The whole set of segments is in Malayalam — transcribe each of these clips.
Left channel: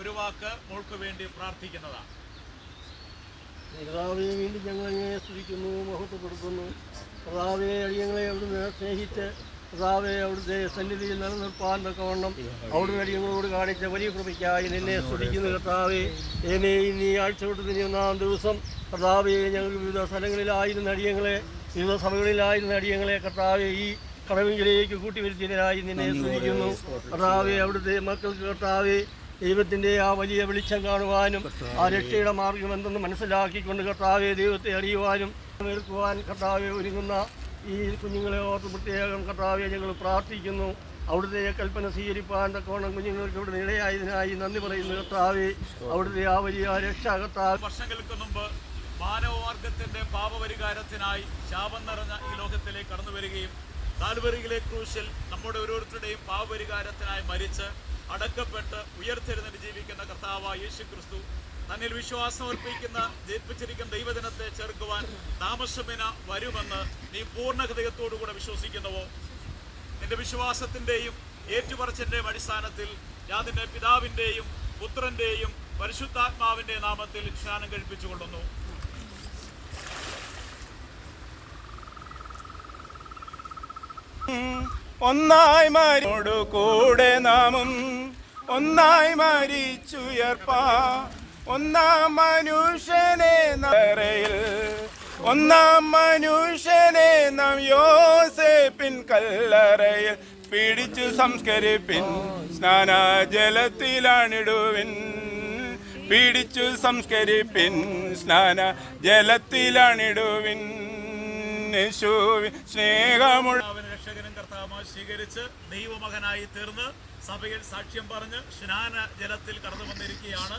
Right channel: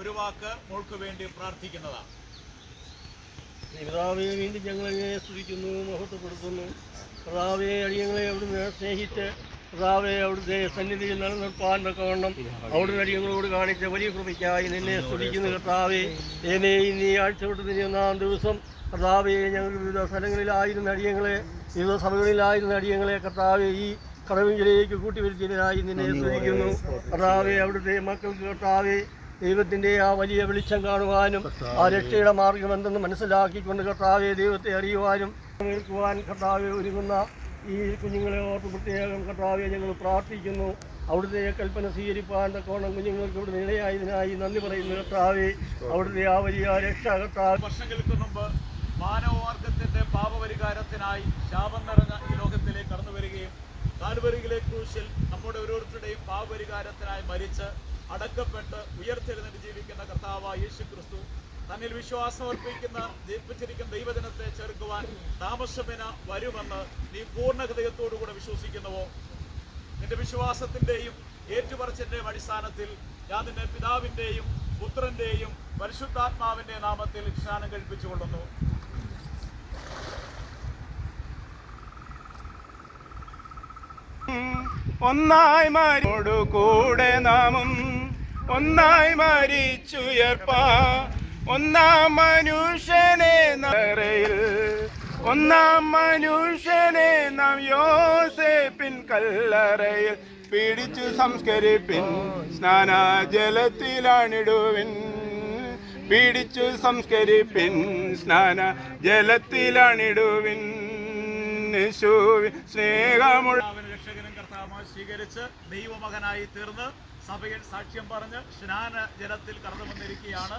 ഒരു വാക്ക് മോൾക്ക് വേണ്ടി പ്രാർത്ഥിക്കുന്നതാണ്. വേണ്ടി വീണ്ടും ഞങ്ങളെ സ്തുതിക്കുന്നു മഹത്വപ്പെടുത്തുന്നു കർത്താവെ അടിയങ്ങളെ അവിടുന്ന് സ്നേഹിച്ച് കർത്താവെ അവിടുത്തെ സന്നിധിയിൽ നിലനിർത്താൻ തക്കവണ്ണം അവിടുന്ന് അടിയങ്ങളോട് കാണിച്ച വലിയ കൃപയ്ക്കായി നിന്നെ സ്തുതിക്കുന്നു കർത്താവെ. എന്നെ ഇനി ആഴ്ച വിട്ട് തിരിയുന്നാം ദിവസം കർത്താവെ ഞങ്ങൾ വിവിധ സ്ഥലങ്ങളിലായിരുന്ന അടിയങ്ങളെ വിവിധ സഭകളിലായിരുന്ന അടിയങ്ങളെ കർത്താവെ ഈ കടവിലേക്ക് കൂട്ടിവരുത്തിയതിനായി നിന്നെ സ്തുതിക്കുന്നു. കർത്താവെ അവിടുത്തെ മക്കൾക്ക് കർത്താവെ ദൈവത്തിന്റെ ആ വലിയ വെളിച്ചം കാണുവാനും ആ രക്ഷയുടെ മാർഗം എന്തെന്ന് മനസ്സിലാക്കിക്കൊണ്ട് കർത്താവെ ദൈവത്തെ അറിയുവാനും നിൽക്കുവാൻ കർത്താവെ ഒരുങ്ങുന്ന ഈ കുഞ്ഞുങ്ങളെ ഓർത്ത് പ്രത്യേകം കർത്താവെ ഞങ്ങൾ പ്രാർത്ഥിക്കുന്നു. അവിടുത്തെ കൽപ്പന സ്വീകരിപ്പാൻ തക്കവണ്ണം കുഞ്ഞുങ്ങൾക്ക് ഇവിടെ ഇടയായതിനായി നന്ദി പറയുന്നു കർത്താവെ. അവിടുത്തെ ആ വലിയ രക്ഷ കർത്താവ്. വർഷങ്ങൾക്ക് മുമ്പ് മാനവമാർഗത്തിന്റെ പാപപരിഹാരത്തിനായി ശാപം നിറഞ്ഞ ഈ ലോകത്തിലേക്ക് കടന്നു വരികയും കാൽവരികിലെ ക്രൂശിൽ നമ്മുടെ ഓരോരുത്തരുടെയും പാപപരിഹാരത്തിനായി മരിച്ച് അടക്കപ്പെട്ട് ഉയർത്തെഴുന്നേറ്റ് ജീവിക്കുന്ന കർത്താവായ യേശു ക്രിസ്തു തന്നിൽ വിശ്വാസം അർപ്പിക്കുന്ന ജയിപ്പിച്ചിരിക്കുന്ന ദൈവദിനത്തെ ചേർക്കുവാൻ താമസമേന വരുമെന്ന് നീ പൂർണ ഹൃദയത്തോടുകൂടെ വിശ്വസിക്കുന്നുവോ? നിന്റെ വിശ്വാസത്തിന്റെയും ഏറ്റുപറച്ചിന്റെയും അടിസ്ഥാനത്തിൽ ഞാൻ നിന്നെ പിതാവിന്റെയും പുത്രന്റെയും പരിശുദ്ധാത്മാവിന്റെ നാമത്തിൽ സ്നാനം കഴിപ്പിച്ചുകൊള്ളുന്നു. ഒന്നായി മരിയോടു കൂടെ നാമും ഒന്നായി മരിച്ചുയർപ്പാ. ഒന്നാം മനുഷ്യനെ നരയിൽ ഒന്നാം മനുഷ്യനെ നാം യോസേപ്പിൻ കല്ലറയിൽ. പിടിച്ച് സംസ്കരിപ്പിൻ സ്നാനജലത്തിലാണിടുവിൻ. പിടിച്ചു സംസ്കരിപ്പിൻ സ്നാന ജലത്തിലാണിടുവിൻ സ്നേഹമുള്ള രക്ഷകനും കർത്താവ് സ്വീകരിച്ച് ദൈവമകനായി തീർന്ന് സഭയിൽ സാക്ഷ്യം പറഞ്ഞ് സ്നാന ജലത്തിൽ കടന്നു വന്നിരിക്കുകയാണ്.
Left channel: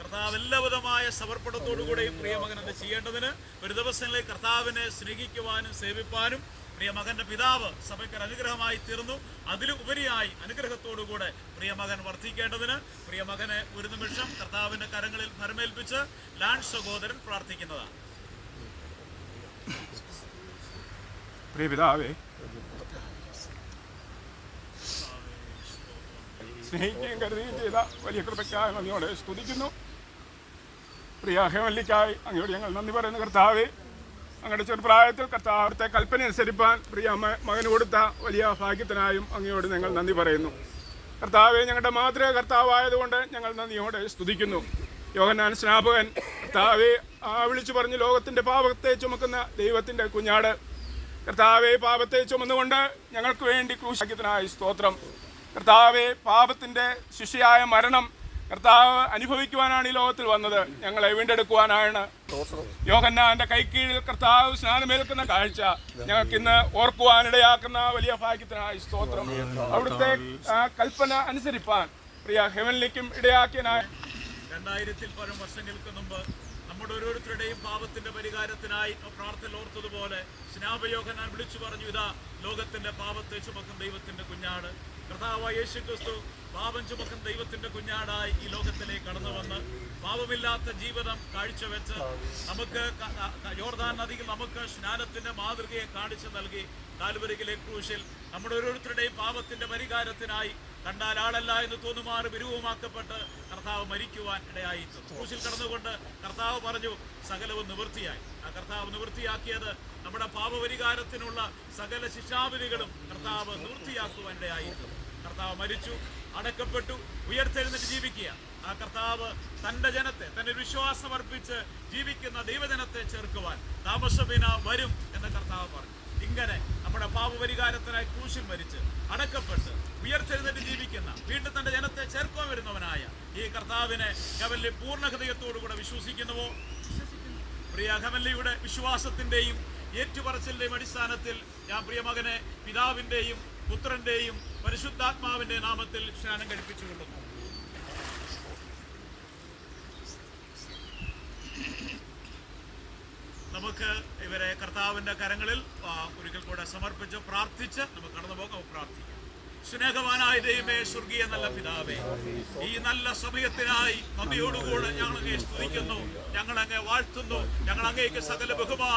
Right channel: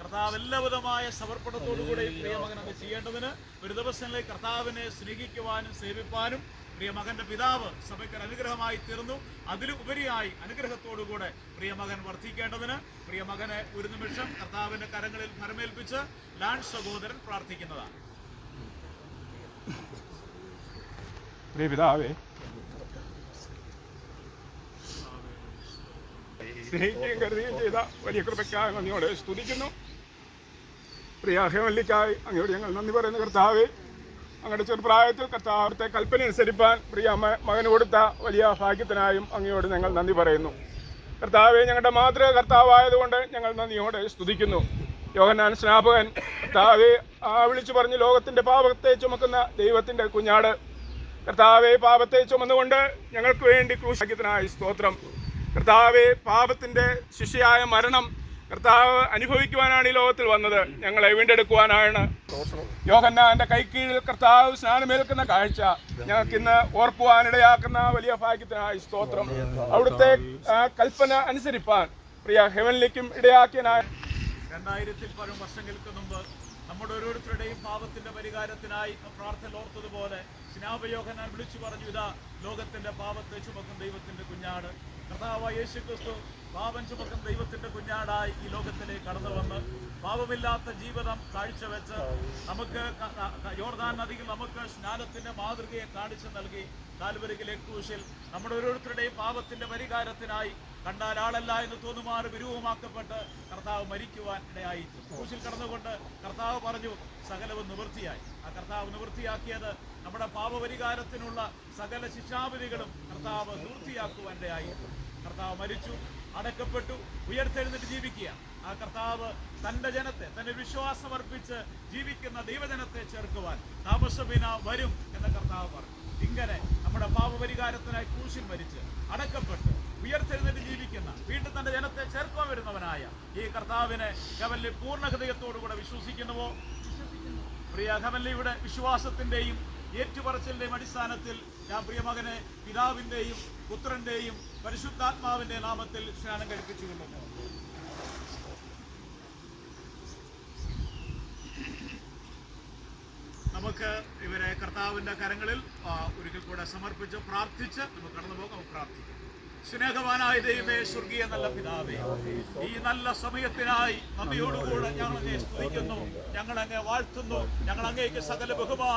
കർത്താവ് എല്ലാവിധമായ സമർപ്പണത്തോടുകൂടെയും പ്രിയമകൻ അത് ചെയ്യേണ്ടതിന് ഒരു ദിവസങ്ങളിൽ കർത്താവിനെ സ്നേഹിക്കുവാനും സേവിപ്പാനും പ്രിയമകന്റെ പിതാവ് സഭയ്ക്ക് അനുഗ്രഹമായി തീർന്നു. അതിലുപരിയായി അനുഗ്രഹത്തോടുകൂടെ പ്രിയമകൻ വർദ്ധിക്കേണ്ടതിന് പ്രിയമകനെ ഒരു നിമിഷം കർത്താവിന്റെ കരങ്ങളിൽ ഭരമേൽപ്പിച്ച് ലാൻഡ് സഹോദരൻ പ്രാർത്ഥിക്കുന്നതാണ്. പ്രിയ പിതാവേ സ്നേഹിക്കുകയും കരുതുകയും ചെയ്ത വലിയ കൃപയ്ക്കായി സ്തുതിക്കുന്നു. പ്രിയ ഹേമല്ലിക്കായി അങ്ങയോട് ഞങ്ങൾ നന്ദി പറയുന്നു. കർത്താവെ അങ്ങയുടെ ചെറുപ്രായത്തിൽ കർത്താവിടുത്തെ കൽപ്പന അനുസരിപ്പാൻ പ്രിയ മകന് കൊടുത്ത വലിയ ഭാഗ്യത്തിനായും അങ്ങയോട് ഞങ്ങൾ നന്ദി പറയുന്നു. കർത്താവെ ഞങ്ങളുടെ മാതൃ കർത്താവായതുകൊണ്ട് ഞങ്ങൾ നന്ദിയോടെ സ്തുതിക്കുന്നു. യോഹന്നാൻ സ്നാപകൻ കർത്താവെ ആ വിളിച്ചു പറഞ്ഞ് ലോകത്തിന്റെ പാപത്തെ ചുമക്കുന്ന ദൈവത്തിന്റെ കുഞ്ഞാട്. കർത്താവെ പാപത്തെ ചുമന്നുകൊണ്ട് ഞങ്ങൾക്ക് വേണ്ടി ക്രൂശാക്കിയതിനായി സ്തോത്രം. കർത്താവെ പാപത്തിന്റെ ശിഷ്യയായ മരണം കർത്താവ് അനുഭവിക്കുവാനാണ് ഈ ലോകത്തിൽ വന്നത്. ഞങ്ങളെ വീണ്ടെടുക്കുവാനാണ്. യോഹന്നാന്റെ കൈക്കീഴിൽ കർത്താവ് സ്നാനമേൽക്കുന്ന കാഴ്ച ഞങ്ങൾക്ക് ഇന്ന് ഓർക്കുവാനിടയാക്കുന്ന വലിയ ഭാഗ്യത്തിനായി സ്തോത്രം. അവിടുത്തെ കൽപ്പന അനുസരിപ്പാൻ പ്രിയ ഹെവനിലേക്കും ഇടയാക്കിയനായ രണ്ടായിരത്തിൽ പരം വർഷങ്ങൾക്ക് മുമ്പ് നമ്മുടെ ഓരോരുത്തരുടെയും പാപത്തിന്റെ പരിഹാരത്തിനായി പ്രാർത്ഥന ഓർത്തതുപോലെ സ്നാപയോഹനാൻ വിളിച്ചു പറഞ്ഞു ഇതാ ലോകത്തിന്റെ പാപത്തെ ചുമക്കും ദൈവത്തിന്റെ കുഞ്ഞാട്. കർത്താവായ യേശു ക്രിസ്തു പാപം ചുമക്കം ദൈവത്തിന്റെ കുഞ്ഞാടായി ഈ ലോകത്തിലേക്ക് കടന്നു വന്ന് പാപമില്ലാത്ത ജീവിതം കാഴ്ചവെച്ച് നമുക്ക് യോർദാൻ നദിയിൽ നമുക്ക് സ്നാനത്തിന്റെ മാതൃകയെ കാണിച്ചു നൽകി കാൽവരികിലെ ക്രൂശിൽ നമ്മുടെ ഓരോരുത്തരുടെയും പാപത്തിന്റെ പരിഹാരത്തിനായി കണ്ടാൽ ആളല്ല എന്ന് തോന്നുമാർ വിരൂപമാക്കപ്പെട്ട് കർത്താവ് മരിക്കുവാൻ ഇടയായി ക്രൂശിൽ കടന്നുകൊണ്ട് കർത്താവ് പറഞ്ഞു സകലവും നിവൃത്തിയായി. ആ കർത്താവ് നിവൃത്തിയാക്കിയത് നമ്മുടെ പാപപരിഹാരത്തിനുള്ള സകല ശിക്ഷാവിധികളും കർത്താവ് നിവൃത്തിയാക്കുവാൻ ഇടയായി കർത്താവ് മരിച്ചു അടക്കപ്പെട്ടു ഉയർത്തെഴുന്നിട്ട് ജീവിക്കുക. ആ കർത്താവ് തന്റെ ജനത്തെ തന്റെ വിശ്വാസം അർപ്പിച്ച് ജീവിക്കുന്ന ദൈവജനത്തെ ചേർക്കുവാൻ താമസമിന വരും എന്ന കർത്താവ് പറഞ്ഞു. ഇങ്ങനെ നമ്മുടെ പാപപരിഹാരത്തിനായി ക്രൂശിൽ മരിച്ച് അടക്കപ്പെട്ട് ഉയർത്തെഴുന്നേറ്റ് ജീവിക്കുന്ന വീണ്ടും തന്റെ ജനത്തെ ചേർക്കുവാൻ വരുന്നവനായ ഈ കർത്താവിനെ കവല്ലി പൂർണ ഹൃദയത്തോടുകൂടെ വിശ്വസിക്കുന്നുവോ? പ്രിയ കവല്ലിയുടെ വിശ്വാസത്തിന്റെയും ഏറ്റുപറച്ചിലിന്റെയും അടിസ്ഥാനത്തിൽ ഞാൻ പ്രിയമകനെ പിതാവിന്റെയും പുത്രന്റെയും പരിശുദ്ധാത്മാവിന്റെ നാമത്തിൽ സ്നാനം കഴിപ്പിച്ചുകൊള്ളുന്നു നമുക്ക് ഇവരെ കർത്താവിന്റെ കരങ്ങളിൽ ഒരിക്കൽ കൂടെ സമർപ്പിച്ച് പ്രാർത്ഥിച്ച് നമുക്ക് കടന്നു പോകാം പ്രാർത്ഥിക്കാം. സ്നേഹവാനായ ദൈവമേ സ്വർഗീയ നല്ല പിതാവേ ഈ നല്ല സമയത്തിനായി നന്ദിയോടുകൂടെ ഞങ്ങൾ അങ്ങേ സ്തുതിക്കുന്നു ഞങ്ങൾ അങ്ങേ വാഴ്ത്തുന്നു ഞങ്ങൾ അങ്ങേക്ക് സകല ബഹുമാനം